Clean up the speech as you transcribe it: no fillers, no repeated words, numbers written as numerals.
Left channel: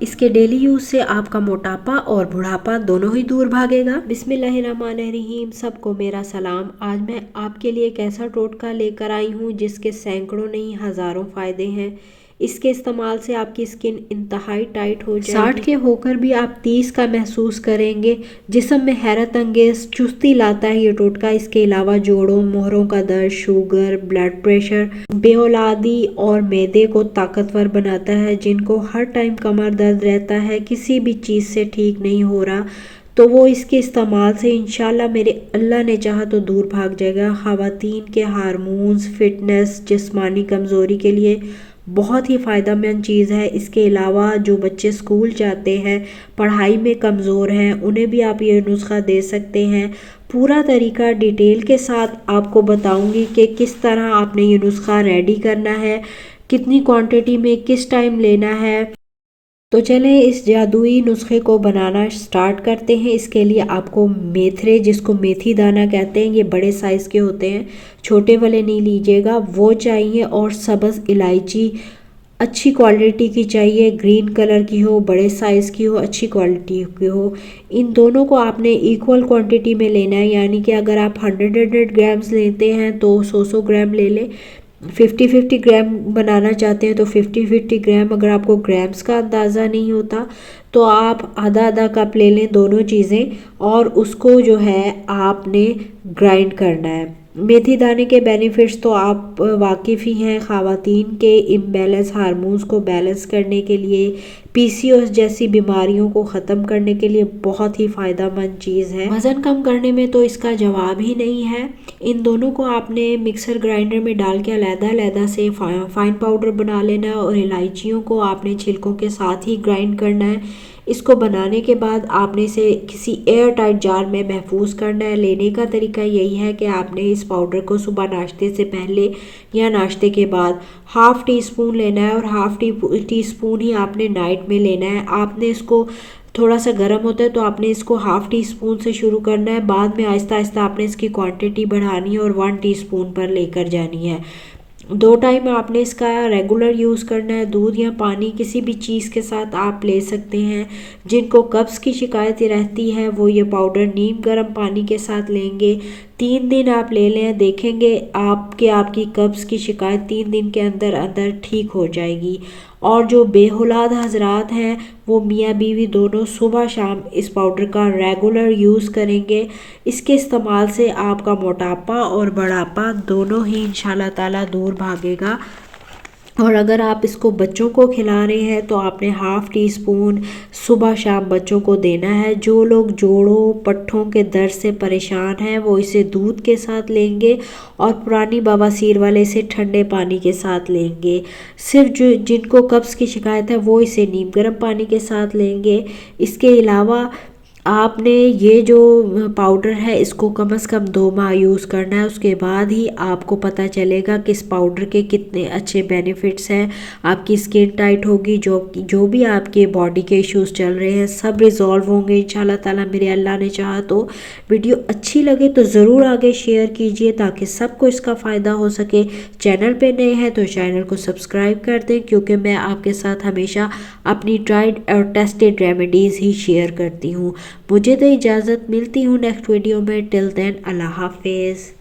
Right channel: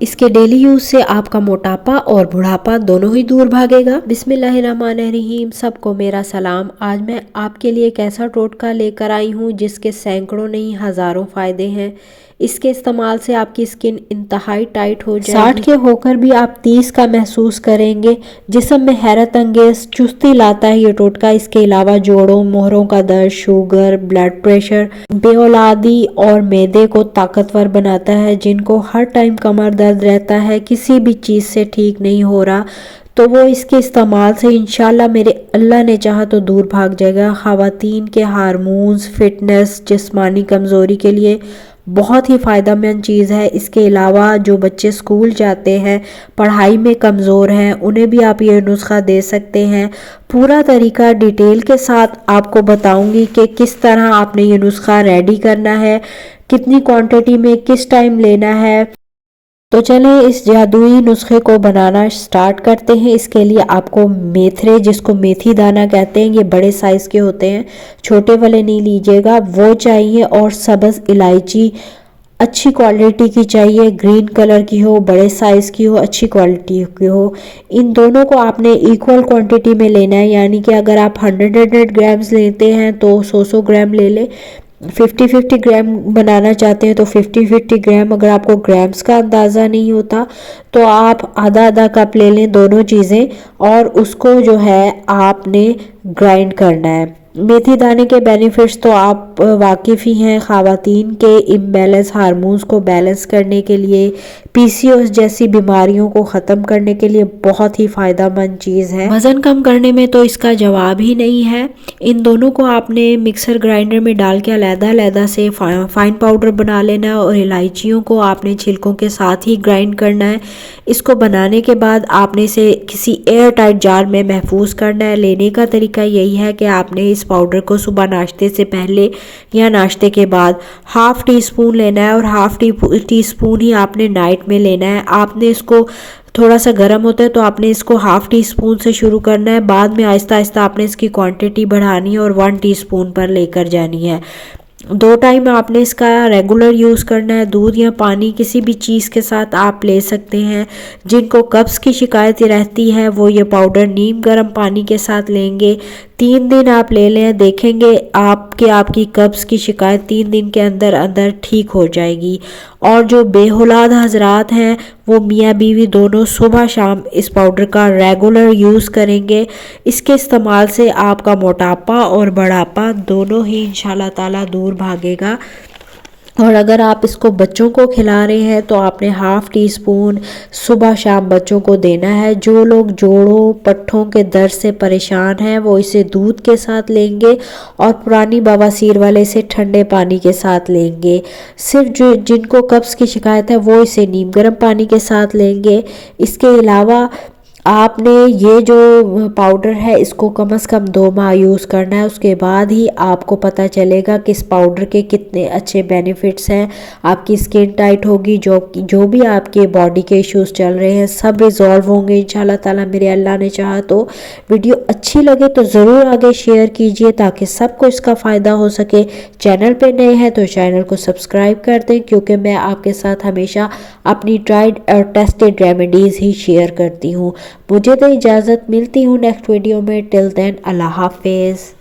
इसके daily use से आपका मोटापा और बुढ़ापा दोनों ही दूर भागेगा। बिस्मिल्लाहिर्रहमानिर्रहीम। सबको मेरा सलाम। आज मैं आपके लिए एक ऐसा टोटका लेकर आई हूँ जिसके सैकड़ों नहीं हज़ारों फ़ायदे हैं। इसके इस्तेमाल से आपकी स्किन इंतहाई टाइट हो जाएगी। 60 के होकर भी आप 30 का महसूस करेंगे। जिस्म में हैरत अंगेज चुस्ती लाता है ये टोटका। इसके अलावा जोड़ों मोहरों का दर्द, शुगर, ब्लड प्रेशर, बेऔलादी और मैदे को ताकतवर बनाता है। जिनको हर टाइम कमर दर्द रहता है, किसी भी चीज़ से ठीक नहीं हो रहा, तो वो इसके इस्तेमाल से इंशाल्लाह मेरे अल्लाह ने चाहा तो दूर भाग जाएगा। ख़वातीन के हार्मोन्स, फिटनेस, जिस्मानी कमज़ोरी के लिए बहुत ही फ़ायदेमंद चीज़ है। इसके अलावा जो बच्चे स्कूल जाते हैं, पढ़ाई में कमज़ोर हैं, उन्हें भी आप ये नुस्खा दे सकते हैं। पूरा तरीका डिटेल के साथ आपको बताऊंगी कि किस तरह आपने ये नुस्खा रेडी करना है, कितनी क्वांटिटी में किस टाइम लेना है। तो चलें इस जादुई नुस्खे को बनाना स्टार्ट करते हैं। इसके लिए आपको मेथरे, जिसको मेथी दाना कहते हैं, ये बड़े साइज़ के होते हैं, छोटे वाले नहीं लीजिएगा, वो चाहिए। और सब्ज़ इलायची अच्छी क्वालिटी की चाहिए, ग्रीन कलर की हो, बड़े साइज़ की हो, अच्छी क्वालिटी की हो। इन दोनों को आपने इक्वल क्वांटिटी में लेना है, यानी कि अगर आप 100 ग्राम्स लेते हैं तो 100 ग्राम ले लें। 50 ग्राम बनाना चाहते हैं तो 50 ग्राम। अगर आपको ग्राम्स का अंदाज़ा नहीं होता तो आप आधा आधा कप ले लें दोनों चीज़ें, और उसको जो है आपने ग्राइंड करना है। मेथी दाने के बेनिफिट्स तो आप वाकिफ़ ही हैं। ख़वातीन के इम्बैलेंस हार्मोन्स को बैलेंस करने के लिए, पीसीओएस जैसी बीमारियों को ख़त्म करने के लिए बहुत ही फ़ायदेमंद चीज़ है। वज़न कम करने में तो इसका जवाब ही नहीं है। इन दोनों को आपने मिक्सर ग्राइंडर में डाल के अलग-अलग से फाइन पाउडर बना लेना है, और इलायचियों को आपने छिलकों के साथ ही ग्राइंड करना है। इसको बनाने के बाद आपने इसे किसी एयर टाइट जार में महफूज करना है। लेने का तरीका यही है कि आपने इस पाउडर को सुबह नाश्ते से पहले या नाश्ते के बाद हाफ़ टी स्पून लेना है, और हाफ़ टी स्पून ही आपने नाइट में लेना है। आपने इसको थोड़ा सा गर्म होता है तो आपने इसको हाफ़ टी स्पून से शुरू करना है। बाद में आहिस्ता आहिस्ता आपने इसकी क्वांटिटी बढ़ानी है और 1 टीस्पून पर लेकर जानी है। 2 टाइम आपने इसका रेगुलर यूज़ करना है। दूध या पानी किसी भी चीज़ के साथ आप ले सकते हैं। जिनको कब्ज़ की शिकायत रहती है वो ये पाउडर नीम गर्म पानी के साथ लेंगे। 3 दिन आप ले लें, देखेंगे आपकी कब्ज़ की शिकायत 3 दिन के अंदर अंदर ठीक हो जाएगी। और जो बेऔलाद हजरात हैं वो मियाँ बीवी दोनों सुबह शाम इस पाउडर का रेगुलर यूज़ करेंगे। इसके इस्तेमाल से आपका मोटापा और बढ़ापा दोनों ही इंशाल्लाह ताला दूर भागेगा। और अगर आप इसको बच्चों को खिला रहे हैं तो आपने हाफ़ टी स्पून सुबह शाम बच्चों को देना है। जो लोग जोड़ों पट्ठों के दर्द से परेशान हैं वो इसे दूध के साथ लेंगे, और पुरानी बवासीर वाले इसे ठंडे पानी के साथ लेंगे। सिर्फ जो जिनको कब्ज़ की शिकायत है वो इसे नीम गर्म पानी के साथ लेंगे। इसके अलावा आपने ये जो पाउडर है इसको कम से कम 2 माह यूज़ करना है। उसके बाद ही आपको पता चलेगा कि इस पाउडर के कितने अच्छे बेनिफिट्स हैं। आपकी स्किन टाइट होगी, जो भी आपके बॉडी के इश्यूज चल रहे हैं सब रिजॉल्व होंगे इंशाल्लाह ताला, मेरे अल्लाह ने चाहा तो। वीडियो अच्छी लगे तो ज़रूर आगे शेयर कीजिए ताकि सबको इसका फ़ायदा हो सके। चैनल पर नए हैं तो चैनल को सब्सक्राइब कर दें, क्योंकि मैं आपके साथ हमेशा अपनी ट्राइड और टेस्टेड रेमेडीज़ ही शेयर करती हूँ। मुझे तो इजाज़त, मिलती हूँ नेक्स्ट वीडियो में। टिल देन अल्लाह हाफिज़।